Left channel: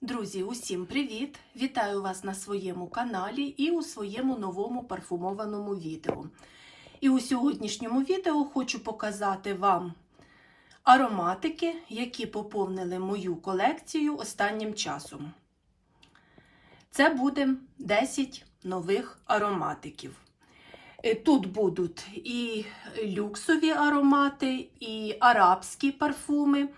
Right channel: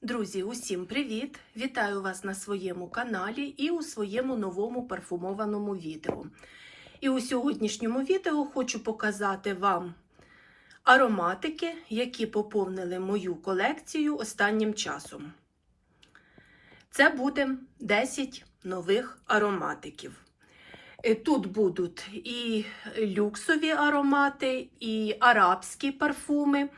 Друзі, усім привіт! Вітаю вас на своєму каналі і у своєму новому парфумованому відео. І у сьогоднішньому відео хочу показати вам ароматики, які поповнили мою колекцію останнім часом. Це буде 10 нових ароматиків. Е, Тут будуть і люксові аромати, і арабські парфуми.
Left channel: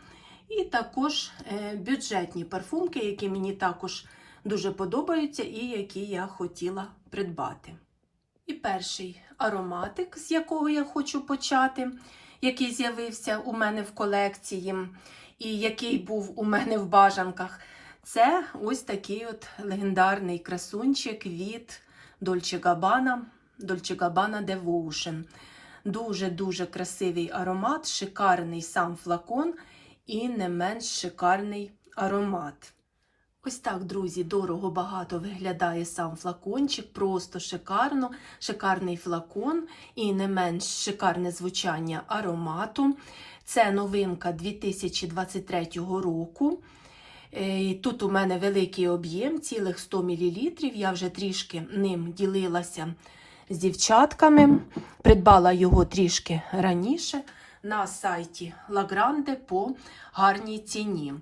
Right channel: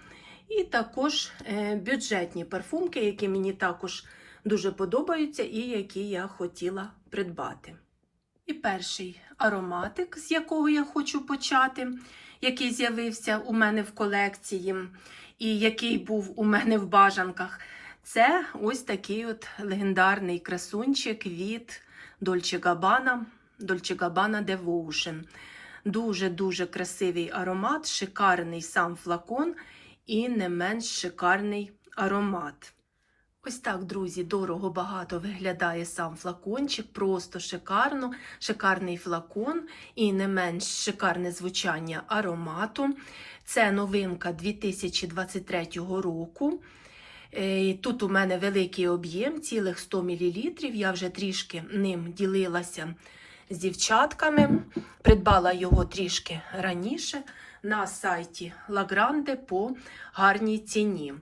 І також е, бюджетні парфумки, які мені також дуже подобаються і які я хотіла придбати. І перший ароматик, з якого я хочу почати, який з'явився у мене в колекції, і який був у мене в бажанках, це ось такий от легендарний красунчик від Dolce Gabbana, Dolce Gabbana Devotion. Дуже-дуже красивий аромат, шикарний сам флакон і не менш шикарний аромат. Ось так, друзі, дорого багато виглядає сам флакончик, просто шикарно, шикарний флакон і не менш шикарне звучання аромату. Це новинка 2023 року. Е, Тут у мене великий об'єм, цілих 100 мл. Я вже трішки ним ділилася з дівчатками. Придбала його трішки раніше на сайті Лагранде по гарній ціні.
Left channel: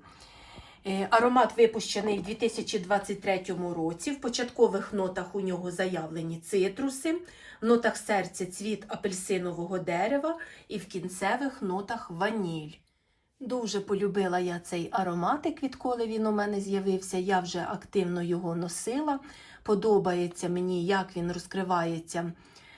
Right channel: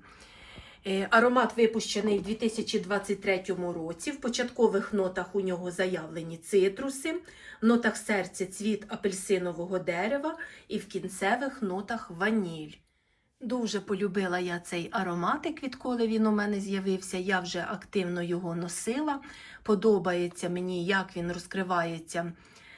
Е, Аромат випущений у 2023 році. В початкових нотах у нього заявлені цитруси, в нотах серця цвіт апельсинового дерева і в кінцевих нотах ваніль. Дуже полюбила я цей ароматик, відколи він у мене з'явився. Я вже активно його носила. Подобається мені, як він розкривається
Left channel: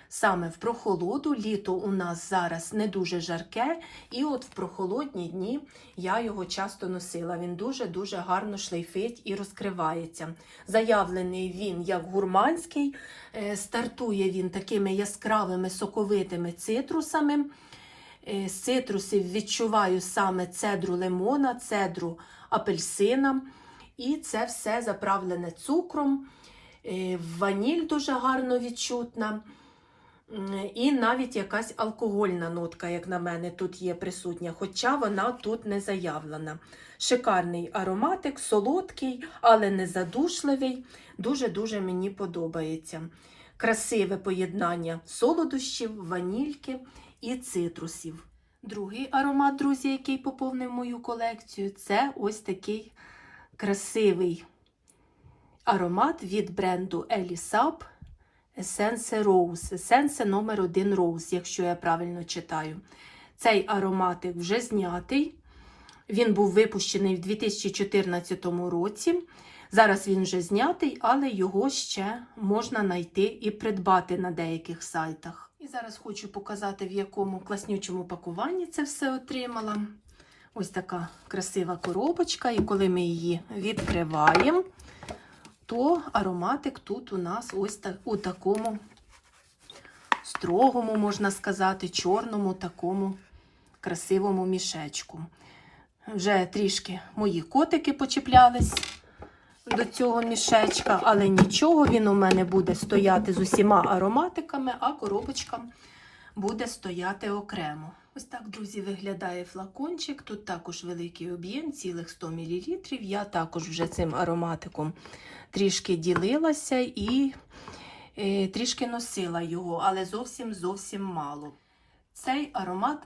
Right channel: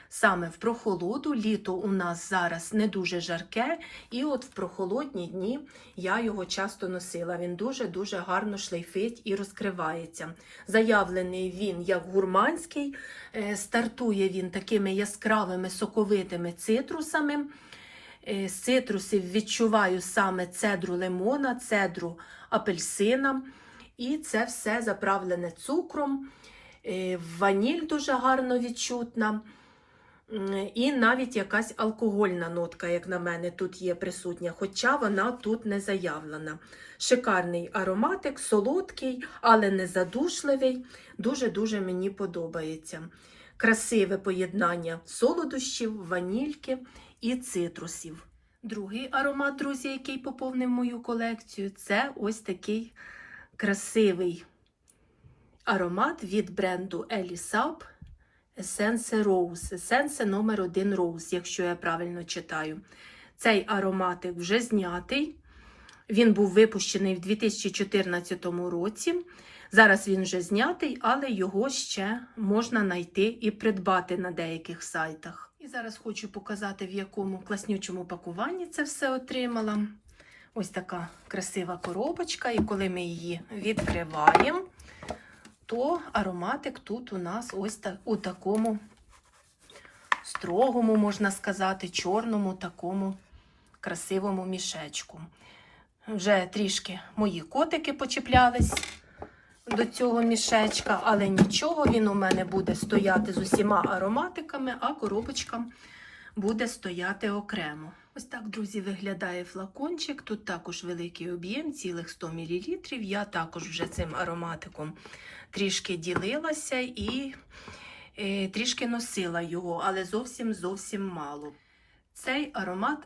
саме в прохолоду. Літо у нас зараз не дуже жарке, і от в прохолодні дні я його часто носила. Він дуже-дуже гарно шлейфить і розкривається. Заявлений він як гурманський, е, стартує він такими яскравими соковитими цитрусами. Е, З цитрусів відчуваю саме цедру лимона, цедру апельсина. І це все заправлене цукром. Е, Ваніль дуже гарно відчутна. І навіть якась алкогольна нотка, як на мене, тут є присутня, хоча вона тут не заявлена. Шикарний ароматик, солодкий, але не задушливий. Дуже-дуже мені подобається. Красиве поєднання солодощів, ванільки і цитрусів. Другий аромат, друзі, який поповнив мою колекцію, це ось такий красивий аромат від бренду Elisab Essence Rose. Essence номер 1 Rose, якщо я правильно читаю. Цей ароматик вже знятий. Він був випущений в 2014 році. Зараз він вже знятий, але його ще можна знайти і придбати на деяких сайтах. І зараз хочу показати, в якому класнючому пакуванні це все отримала. Ось така красива коробочка, і коли ми її відкриваємо, то ароматик тут у нас ось так, у такому строгому, можна сказати, чорному такому красивому мішечку. Вже трішки мої котики почіплялись до цього мішечка, але нічого, він у мене буде стояти з усіма ароматиками, а коробочка буде стояти окремо. Ось так, друзі, виглядає флакончик. Тут також великий об'єм, цілих 100 мл. Я також вже цим ароматиком трішки ділилася і е, трішки носила його, але зовсім зовсім мало. Цей аромат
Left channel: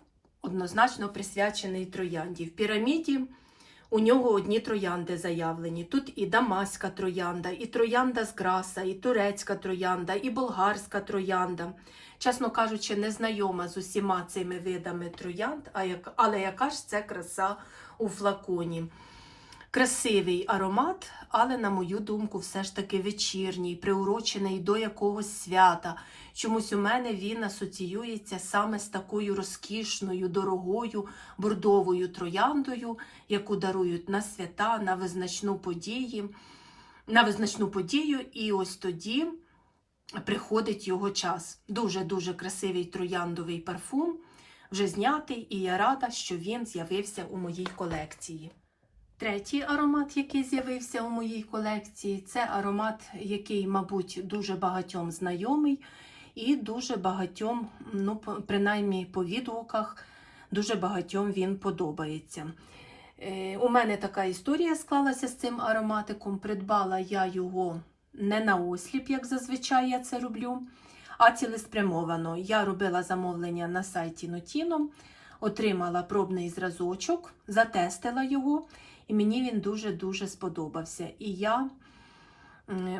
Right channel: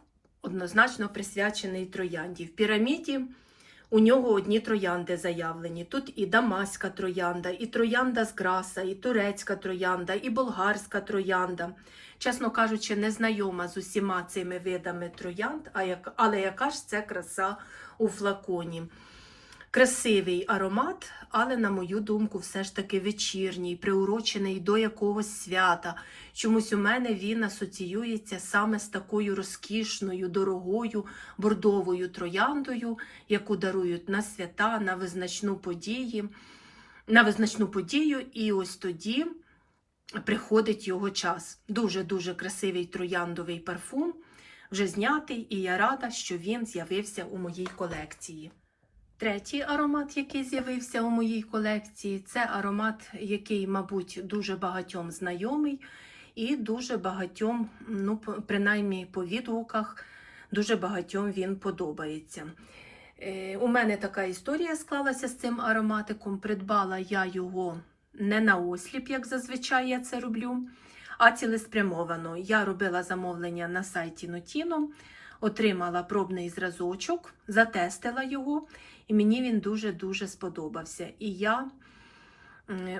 однозначно присвячений троянді. В піраміді у нього одні троянди заявлені. Тут і дамаська троянда, і троянда з граса, і турецька троянда, і болгарська троянда. Чесно кажучи, не знайома з усіма цими видами троянд, але яка ж це краса у флаконі. Красивий аромат, але, на мою думку, все ж таки вечірній, приурочений до якогось свята. Чомусь у мене він асоціюється саме з такою розкішною, дорогою бордовою трояндою, яку дарують на свята, на визначну події, на визначну подію, і ось тоді приходить його час. Дуже-дуже красивий трояндовий парфум, вже знятий, і я рада, що він з'явився у моїй колекції. Третій аромат, який з'явився у моїй колекції, це аромат, який, мабуть, дуже багатьом знайомий і дуже багатьом, ну, принаймні по відгуках, дуже багатьом він подобається. Е, У мене така історія склалася з цим ароматиком. Придбала я його не на осліп, як зазвичай я це роблю, а цілеспрямовано. Я робила замовлення на сайті Notino, отримала пробний зразочок, затестила його, і мені він дуже-дуже сподобався. І я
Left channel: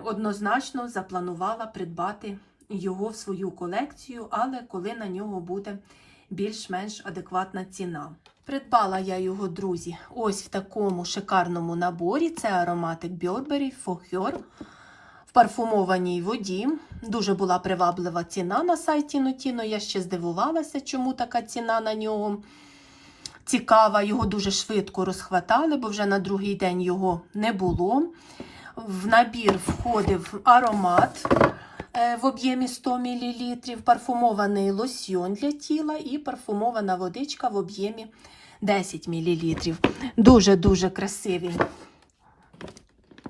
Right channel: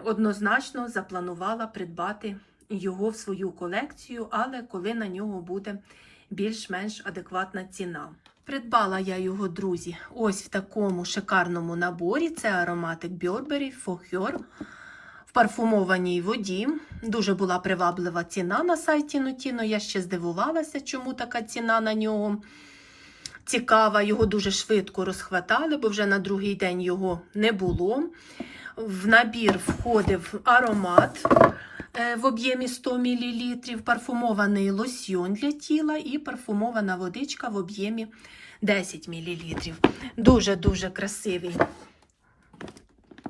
однозначно запланувала придбати його в свою колекцію, але коли на нього буде більш-менш адекватна ціна. Придбала я його, друзі, ось в такому шикарному наборі. Це ароматик Burberry Foheur в парфумованій воді. Дуже була приваблива ціна на сайті Notino. Я ще здивувалася, чому така ціна на нього цікава. Його дуже швидко розхватали, бо вже на другий день його не було. В набір входив аромат е, в об'ємі 100 мл, парфумований лосьйон для тіла і парфумована водичка в об'ємі 10 мл. Дуже-дуже красивий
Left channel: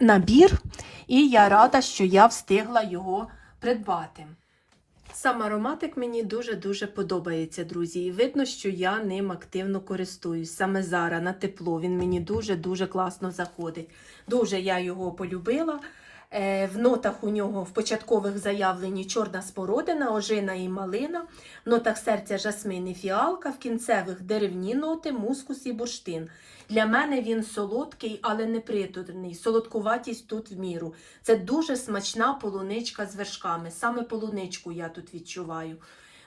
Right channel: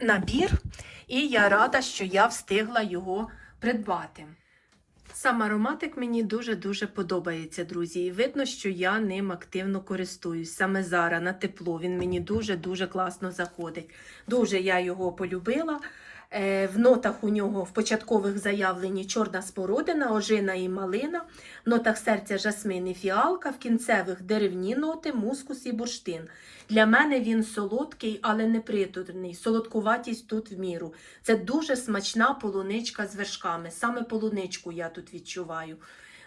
набір, і я рада, що я встигла його придбати. Сам ароматик мені дуже-дуже подобається, друзі. І видно, що я ним активно користуюсь. Саме зараз на тепло він мені дуже-дуже класно заходить. Дуже я його полюбила. Е, В нотах у нього в початкових заявлені чорна спородина, ожина і малина, в нотах серця жасмин і фіалка, в кінцевих деревні ноти, мускус і бурштин. Для мене він солодкий, але не притурний. Солодкуватість тут в міру. Це дуже смачна полуничка з вершками. Саме полуничку я тут відчуваю.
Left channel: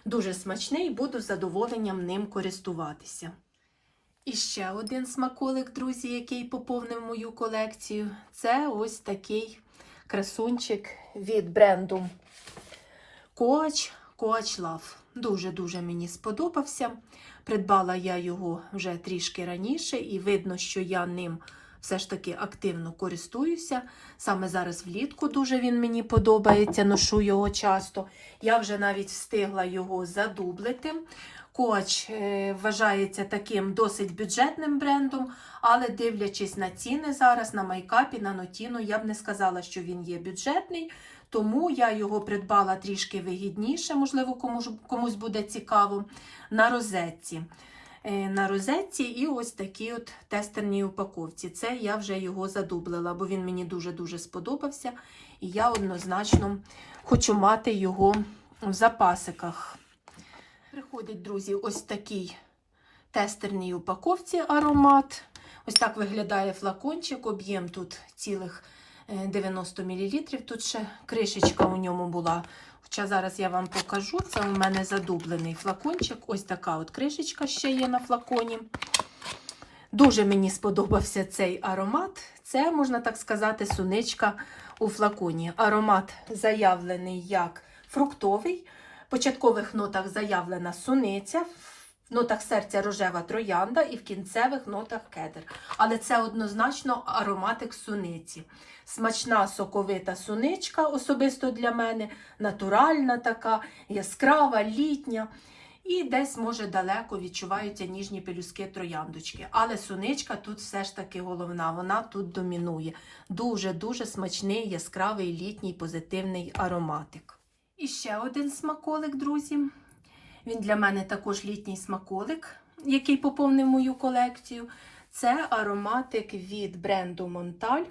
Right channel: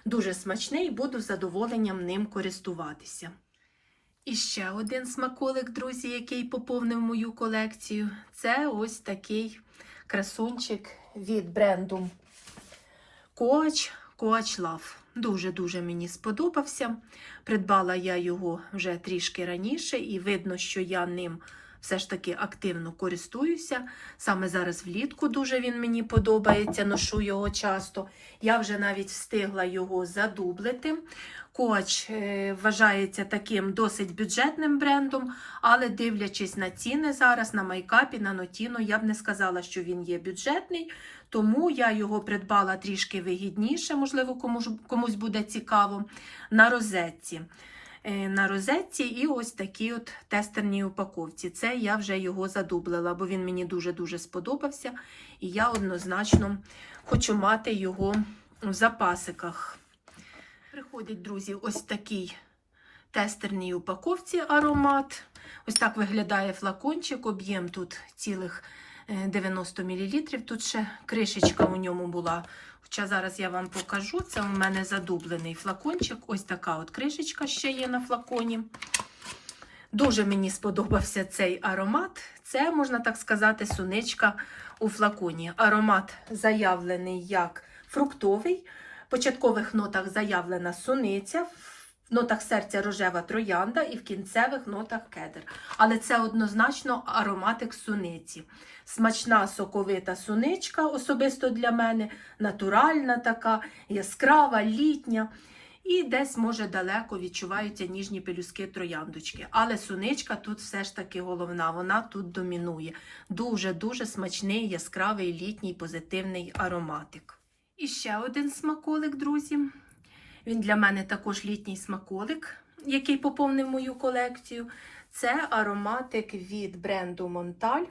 Дуже смачний, буду задоволенням ним користуватися. І ще один смаколик, друзі, який поповнив мою колекцію. Це ось такий красунчик від бренду Coach Coach Love. Дуже-дуже мені сподобався. Придбала я його вже трішки раніше, і видно, що я ним все ж таки активно користуюся. Саме зараз влітку дуже він мені подобається, ношу його часто. Я вже навіть встигла його задублити. Коч е, вважається таким досить бюджетним брендом, але дивлячись на ціни зараз на майкапі, на нотіну, я б не сказала, що він є бюджетний. Тому я його придбала трішки вигідніше, можливо, комусь, буде цікаво, на розетці. Е, На розетці і ось такій от тестерній упаковці. Це я вже його задублила, бо він мені дуже-дуже сподобався. І я однозначно хочу мати його в запасиках. Приходить, друзі, ось такий тестерній упаковці аромат. Ось так виглядає флакончик, об'єм тут цілих 90 мл. Тут ще кришечка у ньому була. Хоча зараз я вам покажу, це у мене задублений флакончик. Ось така от кришечка ще є на флаконі. Дуже мені сподобався цей аромат. Це, можна так сказати, суничка у флаконі. Аромат заявлений як фруктовий. В початкових нотах заявлена суниця, в нотах серця рожева троянда і в кінцевих нотах кедр. Але це однозначно ароматик суниці. Смачна соковита суничка, особисто для мене, натуральна така, яскрава, літня. І десь, може, далеко відчуваються ніжні пелюски трояндочки. Але суничка тут все ж таки головна, вона тут домінує. Дуже-дуже смачний, яскравий літній позитивний ароматик. І ще один смаколик, друзі. Він для мене також літній смаколик, який поповнив мою колекцію. Це ароматик від бренду Монталь.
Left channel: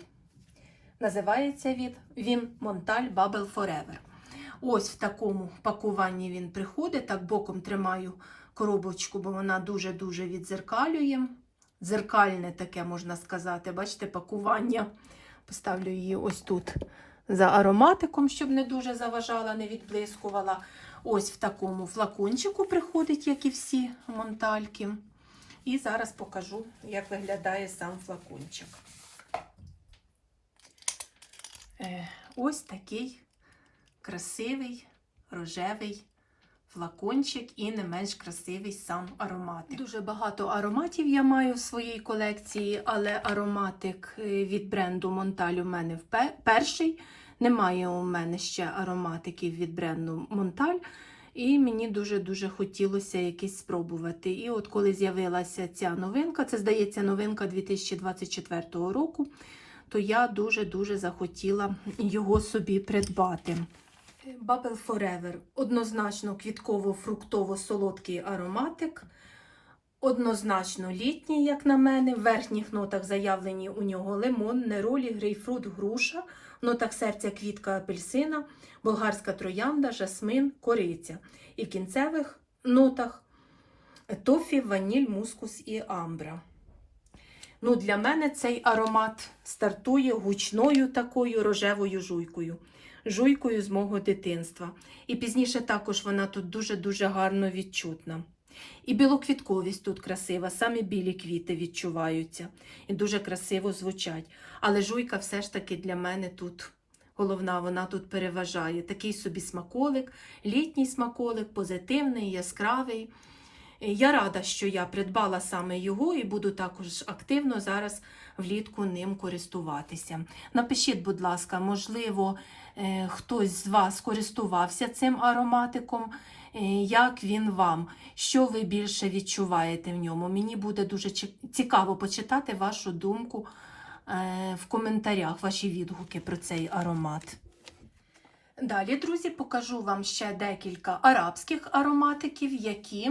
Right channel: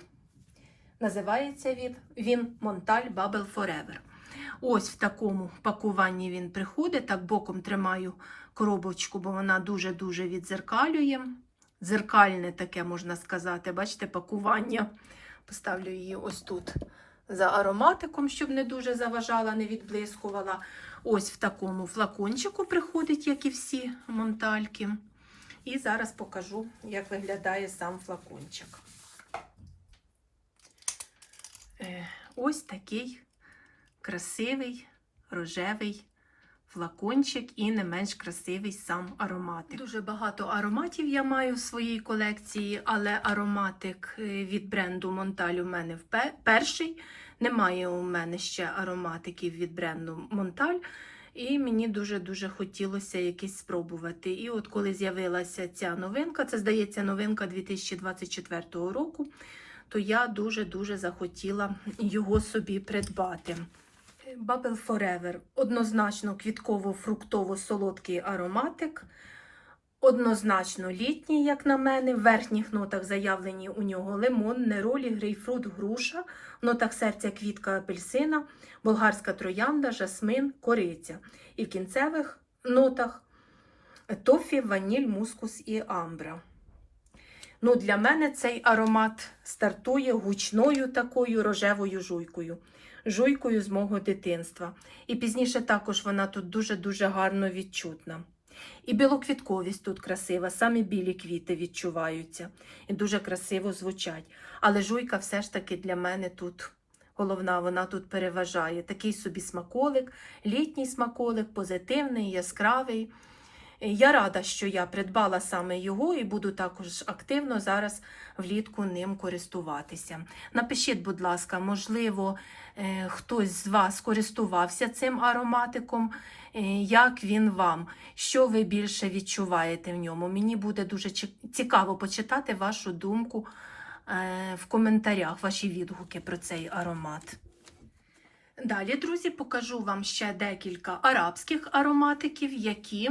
Називається він, він Монталь Bubble Forever. Ось в такому пакуванні він приходить. Так боком тримаю коробочку, бо вона дуже-дуже відзеркалює. Дзеркальне таке, можна сказати. Бачите, пакування. Поставлю її ось тут за ароматиком, щоб не дуже заважала, не відблискувала. Ось в такому флакончику приходить, як і всі монтальки. І зараз покажу, як виглядає сам флакончик. Е, Ось такий красивий рожевий флакончик і не менш красивий сам ароматик. Дуже багато ароматів я маю в своїй колекції, але ароматик е, від бренду Монталь у мене перший. Немає у мене ще ароматиків від бренду Монталь. І мені дуже-дуже хотілося якийсь спробувати. І от коли з'явилася ця новинка, це здається новинка 2024 року, то я дуже-дуже захотіла його собі придбати. Bubble Forever однозначно квітково-фруктово-солодкий ароматик. Однозначно літній, як на мене. В верхніх нотах заявлені у нього лимон, неролі, грейпфрут, груша, в нотах серця квітка апельсина, болгарська троянда, жасмин, кориця. І в кінцевих нотах тофі, ваніль, мускус і амбра. Ну, для мене цей аромат стартує гучною такою рожевою жуйкою. Жуйкою з мого дитинства. І пізніше також вона тут дуже-дуже гарно відчутна. І білоквітковість тут красива, самі білі квіти відчуваються і дуже красиво звучать. Але жуйка все ж таки для мене тут головна, вона тут переважає. Такий собі смаколик, літній смаколик, позитивний, яскравий. Е, Я рада, що я придбала саме його і буду також активно зараз влітку ним користуватися. Напишіть, будь ласка, можливо, е, хтось з вас користувався цим ароматиком, е, як він вам, що ви більше відчуваєте в ньому. Мені буде дуже цікаво почитати вашу думку в коментарях, ваші відгуки про цей аромат. Далі, друзі, покажу вам ще декілька арабських ароматиків, які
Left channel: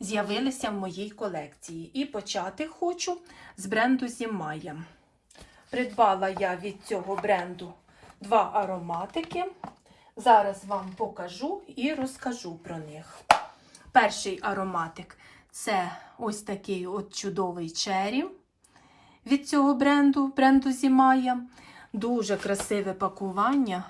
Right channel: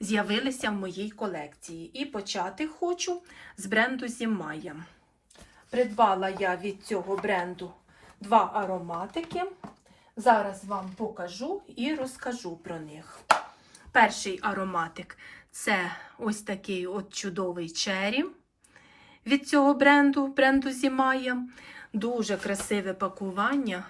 з'явилися в моїй колекції. І почати хочу з бренду Зімая. Придбала я від цього бренду два ароматики. Зараз вам покажу і розкажу про них. Перший ароматик це ось такий от чудовий чері від цього бренду, бренду Зімая. Дуже красиве пакування.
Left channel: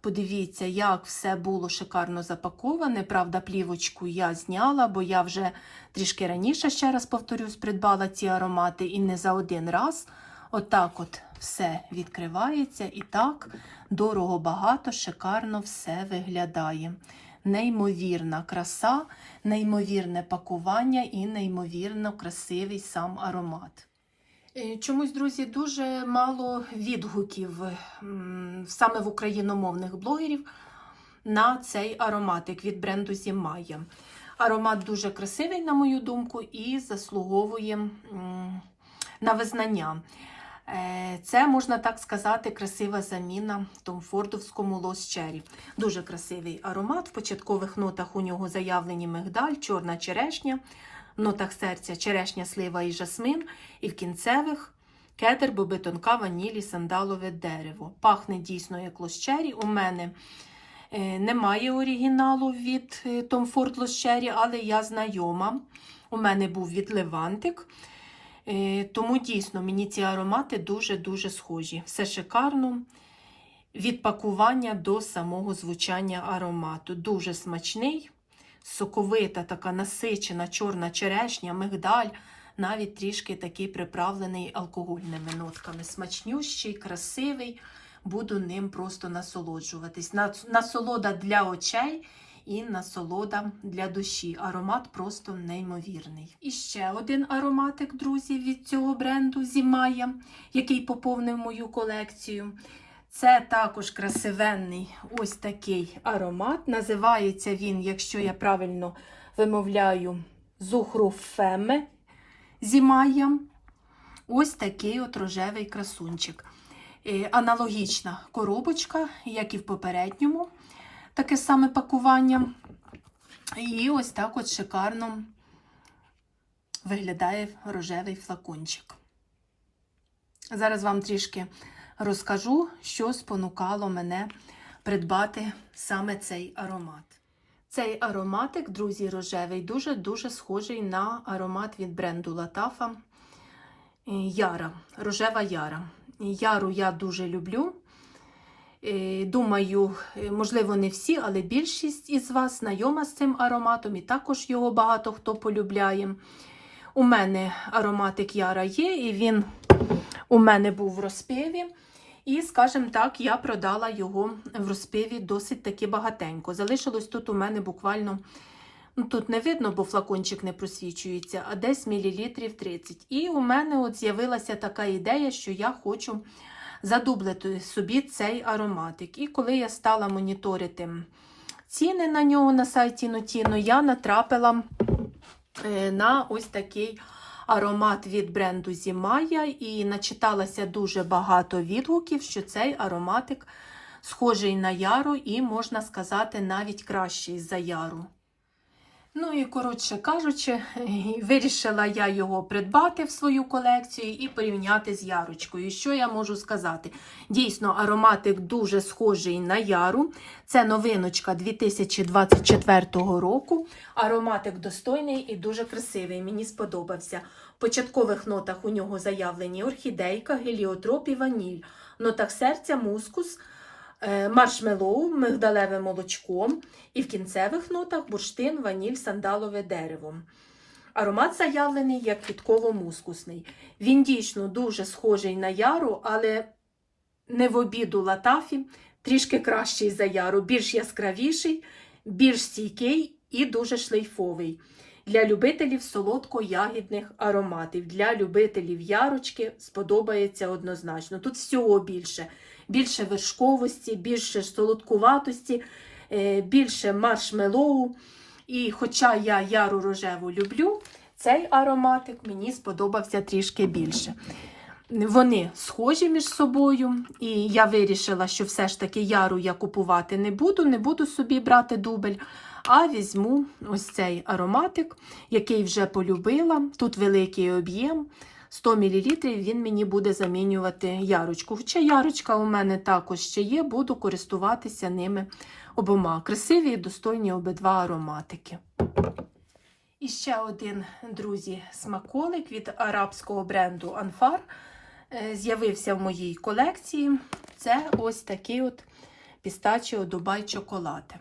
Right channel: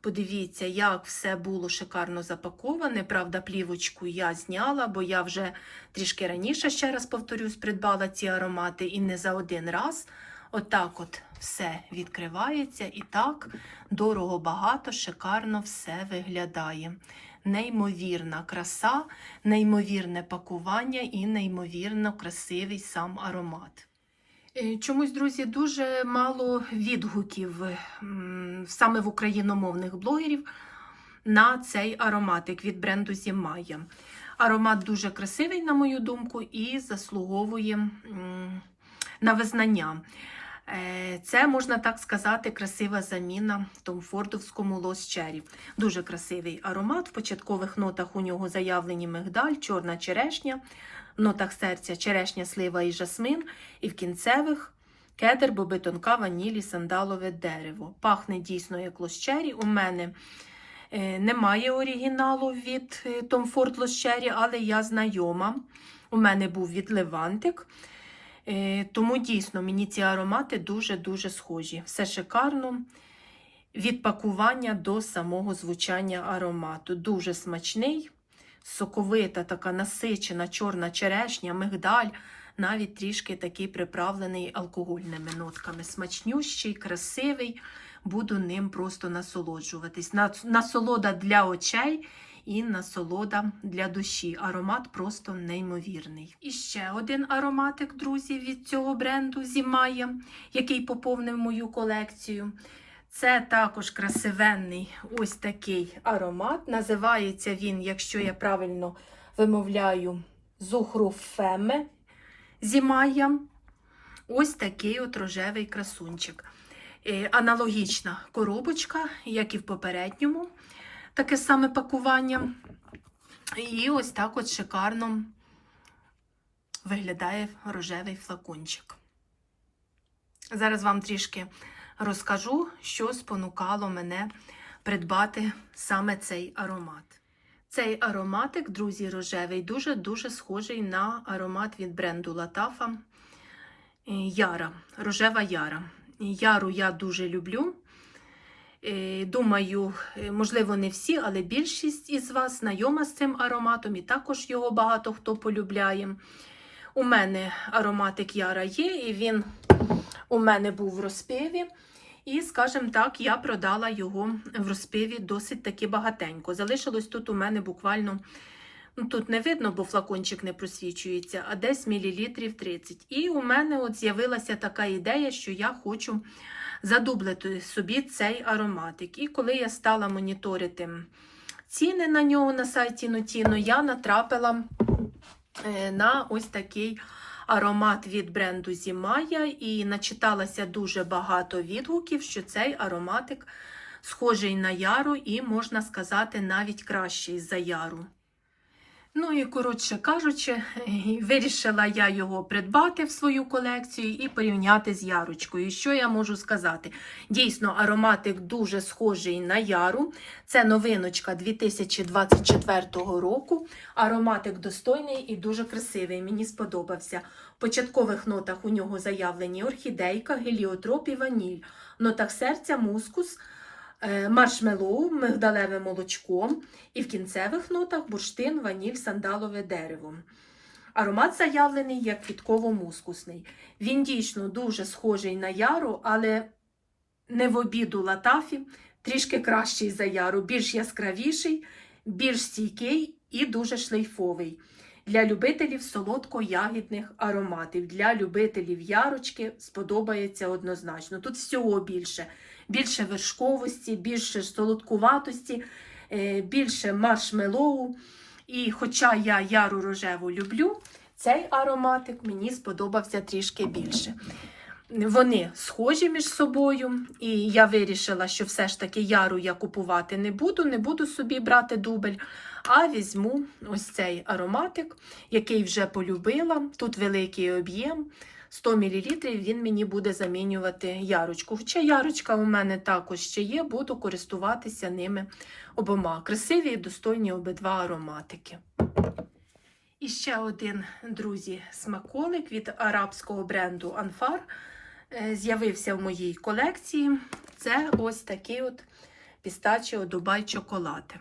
Подивіться, як все було шикарно запаковане. Правда, плівочку я зняла, бо я вже трішки раніше, ще раз повторюсь, придбала ці аромати і не за один раз. Отак от все відкривається і так дорого багато, шикарно все виглядає. Неймовірна краса, неймовірне пакування і неймовірно красивий сам аромат. Е, Чомусь, друзі, дуже мало відгуків саме в україномовних блогерів на цей ароматик від бренду Зімая. Аромат дуже красивий, на мою думку, і заслуговує на визнання. Е, Це, можна так сказати, красива заміна Томфордовському Lost Cherry. Дуже красивий аромат. В початкових нотах у нього заявлені мигдаль, чорна черешня, нотах серця черешня, слива і жасмин, і в кінцевих кедр, боби тонка, ванілі, сандалове дерево. Пахне дійсно як Cherry. У мене е, немає оригіналу від е, Tom Ford Lost але я знайома. У мене був від Левантик. Е, Тому дійсно мені ці аромати дуже-дуже схожі. Все шикарно. Від пакування до самого звучання аромату. Дуже смачний, соковита, така насичена чорна черешня, мигдаль, навіть трішки такий приправлений алкогольними нотками. Смачнющий, красивий. Буду ним просто насолоджуватись. Насолода для очей і насолода для душі. Аромат просто неймовірний. І ще один ароматик, друзі, від цього бренду Зімая, який поповнив мою колекцію. Це також красивенний ось такий аромат. Називається він, якщо я правильно вимовляю, Зухруфеме Зімая. Ось такий от рожевий красунчик. Е, Аналогічна коробочка, як і в попередньому таке саме пакування. І ось так от шикарно виглядає рожевий флакончик. Зараз вам трішки розкажу, що спонукало мене придбати саме цей аромат. Цей ароматик, друзі, рожевий, дуже-дуже схожий на аромат від бренду Латафа Яра, рожева яра. Яру я дуже люблю. Е, Думаю, е, можливо, не всі, але більшість із вас знайома з цим ароматом, і також його багато хто полюбляє. У мене ароматик Яра є, і він у мене був в розпиві. І, скажімо так, я продала його в розпиві досить таки багатенько. Залишилось тут у мене буквально, ну тут не видно, бо флакончик не просвічується, а десь мілілітрів 30. І у мене от з'явилася така ідея, що я хочу задублити собі цей ароматик. І коли я стала моніторити ціни на нього на сайті Notino, я натрапила е, на ось такий аромат від бренду Зімая і начиталася дуже багато відгуків, що цей ароматик схожий на яру і, можна сказати, навіть кращий за яру. Ну і коротше кажучи, вирішила я його придбати в свою колекцію і порівняти з ярочкою. Що я можу сказати? Дійсно, ароматик дуже схожий на яру. Це новиночка 2024 року. Ароматик достойний і дуже красивий. Мені сподобався. В початкових нотах у нього заявлені орхідейка, геліотроп і ваніль. В нотах серця, мускус. Е, Маршмеллоу, мигдалеве молочко, і в кінцевих нотах бурштин, ваніль, сандалове дерево. Аромат заявлений як квітково-мускусний. Він дійсно дуже схожий на яру, але не в обіду латафі, трішки кращий за яру, більш яскравіший, більш стійкий і дуже шлейфовий. Для любителів солодко-ягідних ароматів, для любителів ярочки сподобається однозначно. Тут всього більше. Більше вершковості, більше солодкуватості, е, більше маршмелоу. І хоча я яру рожеву люблю, цей ароматик мені сподобався трішки більше. Вони схожі між собою, і я вирішила, що все ж таки яру я купувати не буду, не буду собі брати дубль, а візьму ось цей ароматик, який вже полюбила. Тут великий об'єм. 100 мл він мені буде замінювати ярочку. Хоча ярочка у мене також ще є, буду користуватися ними обома. Красиві і достойні обидва ароматики. І ще один, друзі, смаколик від арабського бренду Анфар е, з'явився в моїй колекції. Це ось такий от пістачіо Дубай чоколад.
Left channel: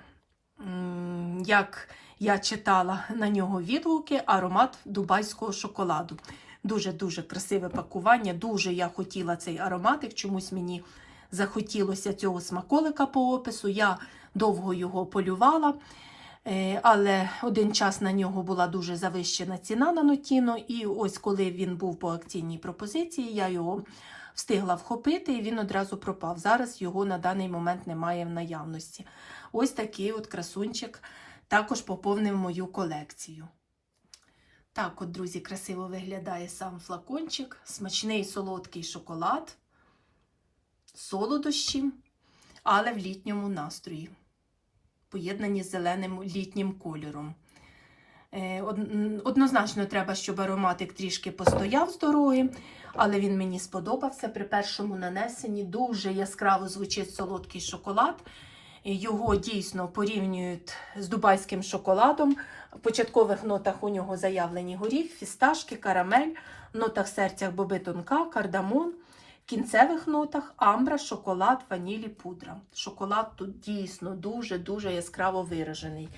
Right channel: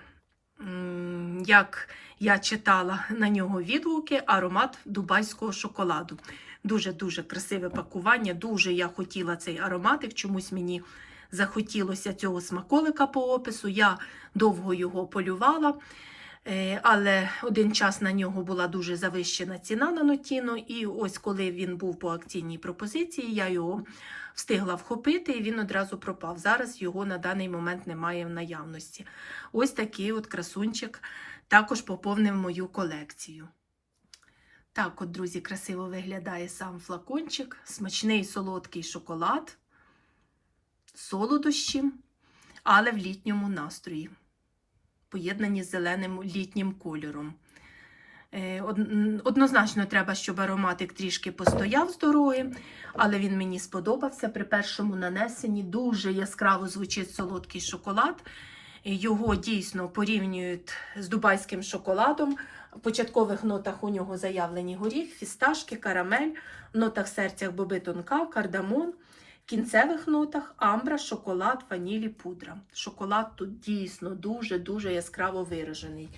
Як я читала на нього відгуки, аромат дубайського шоколаду. Дуже-дуже красиве пакування. Дуже я хотіла цей ароматик. Чомусь мені захотілося цього смаколика по опису. Я довго його полювала. Е, Але один час на нього була дуже завищена ціна на Нотіно, і ось коли він був по акційній пропозиції, я його встигла вхопити, і він одразу пропав. Зараз його на даний момент немає в наявності. Ось такий от красунчик також поповнив мою колекцію. Так, от, друзі, красиво виглядає сам флакончик, смачний солодкий шоколад, солодощі, але в літньому настрої поєднані з зеленим літнім кольором. Е, Однозначно треба, щоб ароматик трішки постояв з дороги, але він мені сподобався. При першому нанесенні дуже яскраво звучить солодкий шоколад. Його дійсно порівнюють з дубайським шоколадом. В початкових нотах у нього заявлені горіх, фісташки, карамель, нотах серця боби тонка, кардамон. Кінцевих нотах амбра, шоколад, ванілі, пудра. Шоколад тут дійсно дуже-дуже яскраво виражений.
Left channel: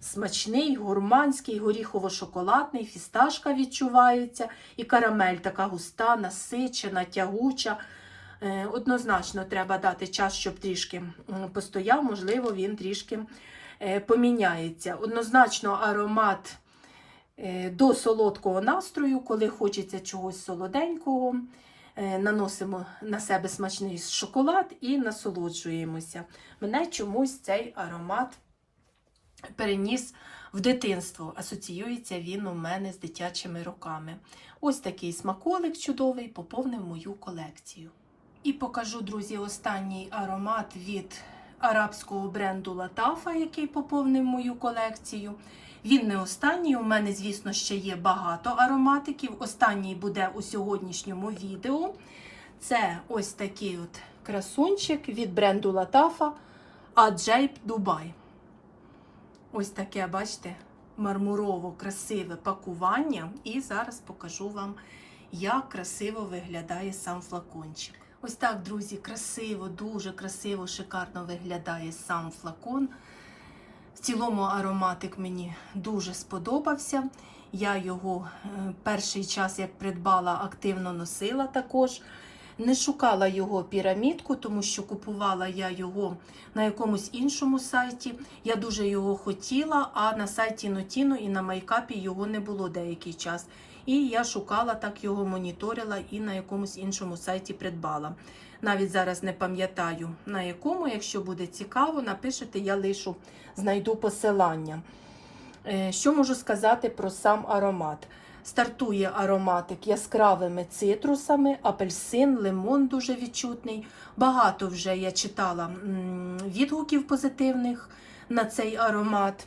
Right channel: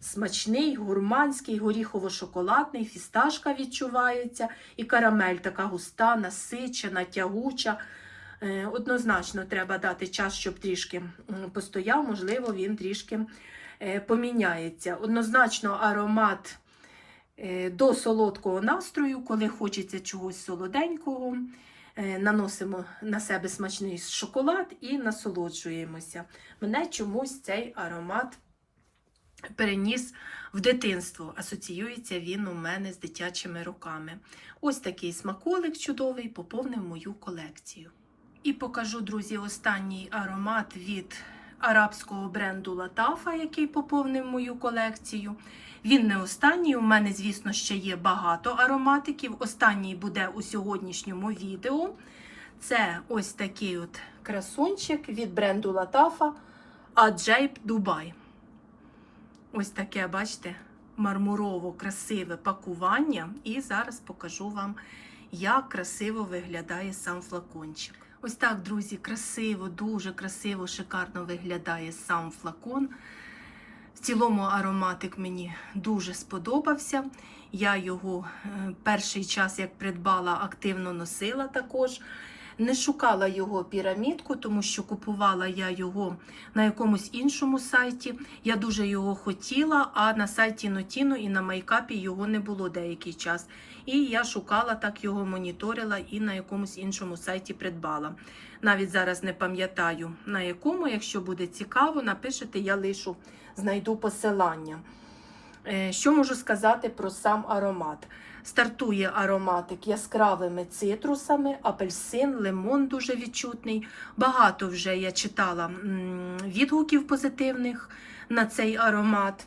Смачний, гурманський, горіхово-шоколадний, фісташка відчувається, і карамель така густа, насичена, тягуча. Е, Однозначно треба дати час, щоб трішки постояв, можливо, він трішки поміняється. Однозначно аромат е, до солодкого настрою, коли хочеться чогось солоденького. Е, Наносимо на себе смачний шоколад і насолоджуємося. Мене чомусь цей аромат переніс в дитинство. Асоціюється він у мене з дитячими руками. Ось такий смаколик чудовий поповнив мою колекцію. І покажу, друзі, останній аромат від арабського бренду Латафа, який поповнив мою колекцію. Він не останній. У мене, звісно, ще є багато ароматиків. Останній буде у сьогоднішньому відео. Це ось такий от красунчик від бренду Латафа Аджейб Дубай. Ось таке, бачите, мармурово красиве пакування. І зараз покажу вам, як красиво виглядає сам флакончик. Ось так, друзі, красиво, дуже красиво, шикарно виглядає сам флакон. В цілому ароматик мені дуже сподобався. Я його е, перший час, як придбала, активно носила також. Не шукала його пірамідку, тому що купувала я його на якомусь іншому сайті. Я дуже його хотіла, а на сайті Notino і на майкапі його не було деякий час. І я шукала, так його моніторила і на якомусь іншому сайті придбала. Навіть зараз не пам'ятаю на якому. Якщо буде цікаво, напишете, я лишу, знайду посилання. Е, Що можу сказати про сам аромат? Стартує ароматик яскравими цитрусами, апельсин, лимон дуже відчутний. Багато вже я читала відгуків позитивних на цей аромат.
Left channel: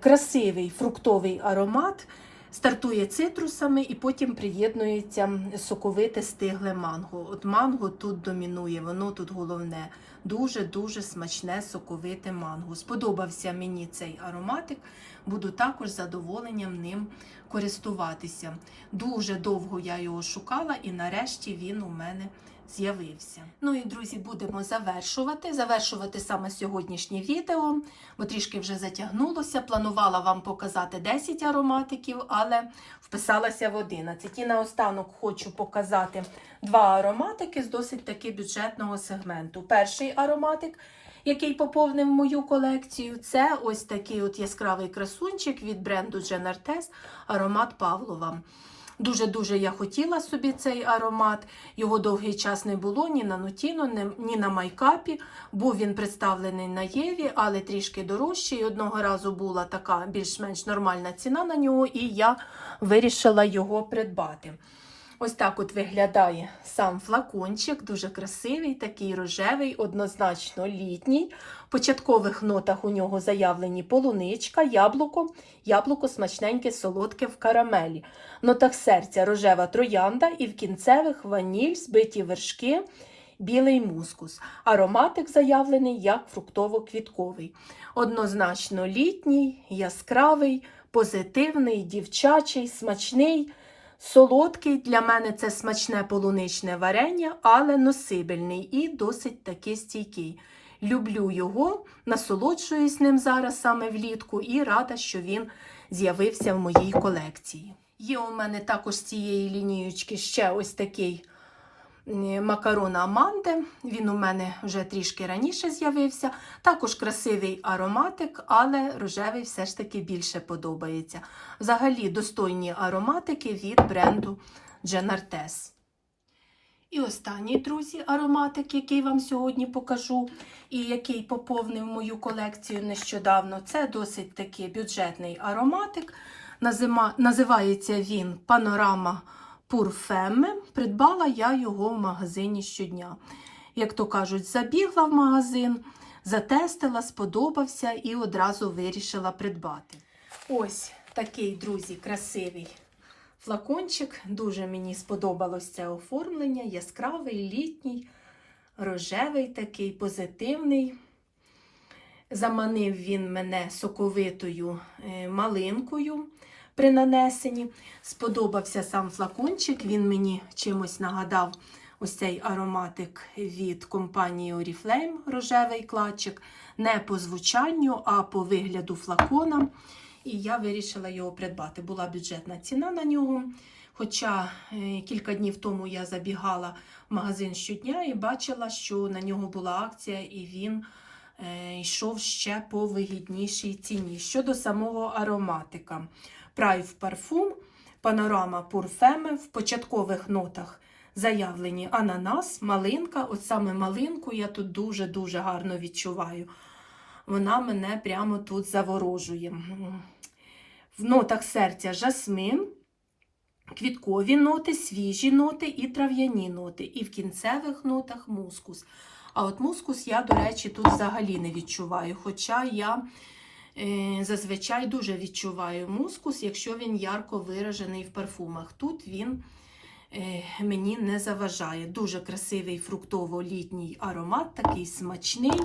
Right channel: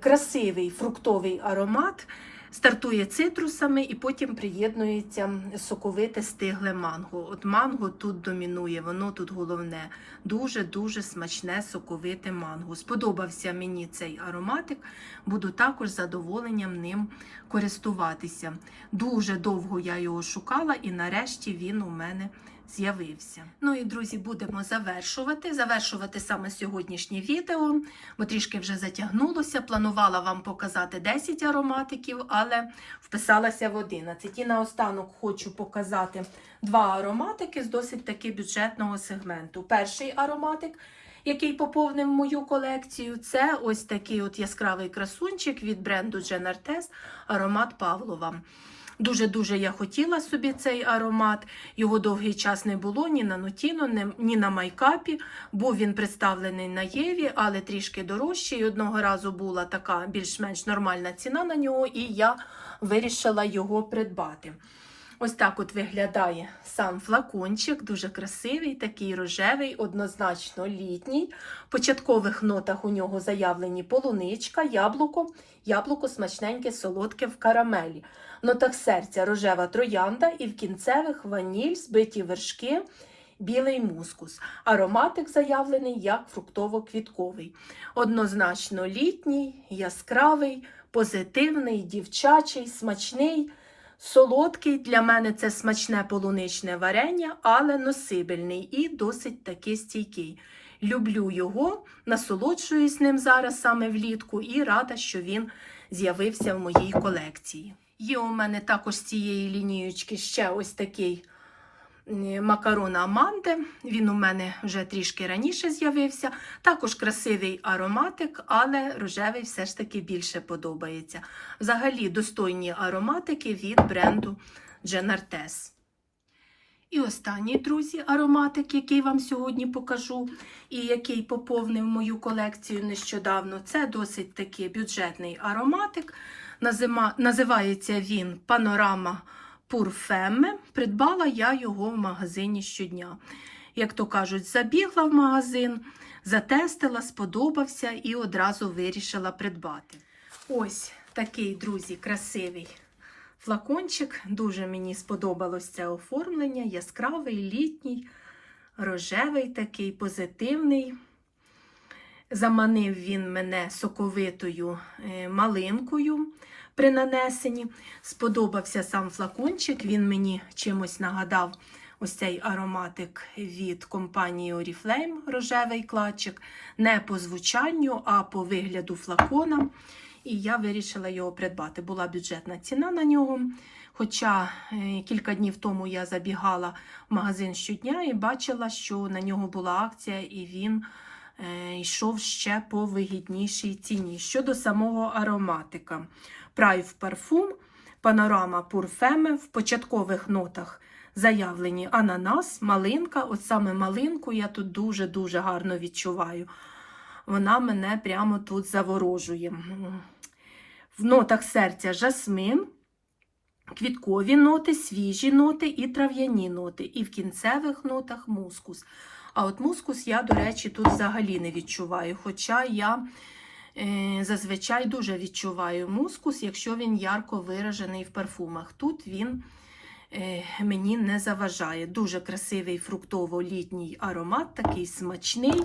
красивий фруктовий аромат. Стартує цитрусами і потім приєднується соковите стигле манго. От манго тут домінує, воно тут головне. Дуже-дуже смачне соковите манго. Сподобався мені цей ароматик, буду також задоволенням ним користуватися. Дуже довго я його шукала, і нарешті він у мене з'явився. Ну і друзі, будемо завершувати. Завершувати саме сьогоднішнє відео, бо трішки вже затягнулося. Планувала вам показати 10 ароматиків, але вписалася в 11. І наостанок хочу показати два ароматики з досить таки бюджетного сегменту. Перший ароматик. Який поповнив мою колекцію, це ось такий от яскравий красунчик від бренду Jean Artes, аромат Павлова. Дуже-дуже я хотіла собі цей аромат. Його довгий час не було ні на Нутіно, ні- на майкапі. Був він представлений на Єві, але трішки дорожчий. Одного разу була така більш-менш нормальна ціна на нього, і я вирішила його придбати. Ось так от виглядає сам флакончик, дуже красивий, такий рожевий, однозначно літній. В початкових нотах у нього заявлені полуничка, яблуко, яблуко смачненьке, солодке в карамелі. В нотах серця рожева троянда і в кінцевих ваніль, збиті вершки, білий мускус. Ароматик заявлений як фруктово-квітковий. Однозначно літній, яскравий, позитивний, дівчачий, смачний. Солодкий для мене це смачне полуничне варення, але носибельний і досить таки стійкий. Люблю його, насолоджуюсь ним зараз саме влітку і рада, що він з'явився в моїй колекції. Є у мене також з цієї лінієчки ще ось такий макарон Аманде. Він у мене вже трішки раніше з'явився. Також красивий ароматик, але рожевий все ж таки більше подобається. Взагалі достойні ароматики від бренду Artes. І останній, друзі, ароматик, який вам сьогодні покажу, і який поповнив мою колекцію нещодавно, це досить таки бюджетний ароматик. Назима- Називається він Панорама Пурфеме. Придбала я його в магазині щодня. Як то кажуть, забігла в магазин, затестила, сподобався і одразу вирішила придбати. Ось такий, друзі, красивий флакончик. Дуже мені сподобалось це оформлення. Яскравий, літній, рожевий такий, позитивний. Заманив він мене соковитою е, малинкою при нанесенні. Сподобався сам флакончик. Він мені чимось нагадав ось цей ароматик від компанії Oriflame, рожевий кладчик. Не по звучанню, а по вигляду флакона. І я вирішила його придбати. Була бюджетна ціна на нього. Хоча е, кілька днів тому я забігала в магазин щодня і бачила, що на нього була акція, і він е, йшов ще по вигіднішій ціні. Щодо самого ароматика. Прайв парфум, панорама Пурфеме в початкових нотах заявлені ананас, малинка. От саме малинку я тут дуже-дуже гарно відчуваю. Вона мене прямо тут заворожує. В нотах серця жасмин, квіткові ноти, свіжі ноти і трав'яні ноти. І в кінцевих нотах мускус. А от мускус я, до речі, тут взагалі не відчуваю. Хоча я зазвичай дуже відчуваю мускус, якщо він ярко виражений в парфумах. Тут він е, мені не заважає. Дуже красивий фруктово-літній аромат, такий смачний,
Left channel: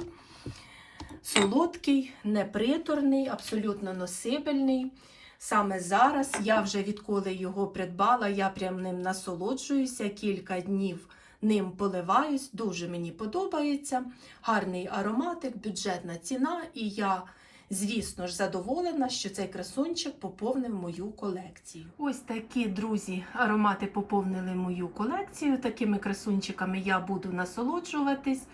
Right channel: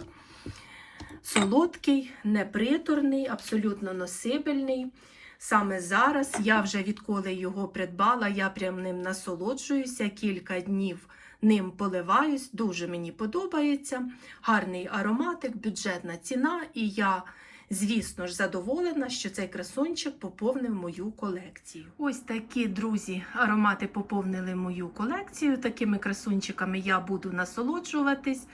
солодкий, неприторний, абсолютно носибельний. Саме зараз я вже відколи його придбала, я прям ним насолоджуюся кілька днів. Ним поливаюсь, дуже мені подобається. Гарний ароматик, бюджетна ціна, і я, звісно ж, задоволена, що цей красунчик поповнив мою колекцію. Ось такі, друзі, аромати поповнили мою колекцію. Такими красунчиками я буду насолоджуватись.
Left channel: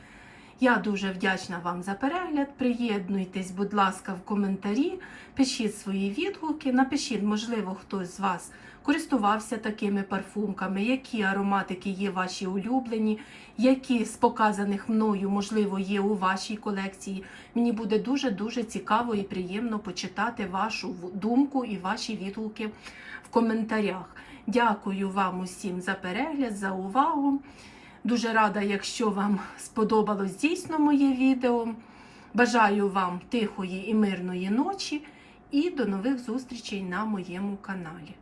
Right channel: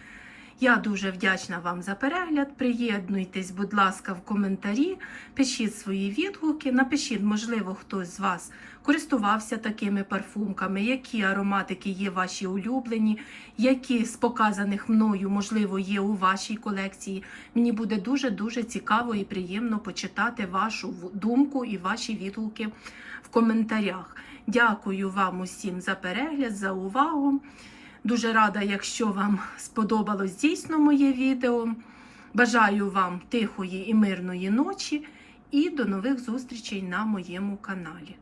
Я дуже вдячна вам за перегляд. Приєднуйтесь, будь ласка, в коментарі, пишіть свої відгуки, напишіть, можливо, хтось з вас користувався такими парфумками, які ароматики є ваші улюблені, які з показаних мною, можливо, є у вашій колекції. Мені буде дуже-дуже цікаво і приємно почитати вашу думку і ваші відгуки в коментарях. Дякую вам усім за перегляд, за увагу. Дуже рада, якщо вам сподобалось дійсно моє відео. Бажаю вам тихої і мирної ночі і до нових зустрічей на моєму каналі.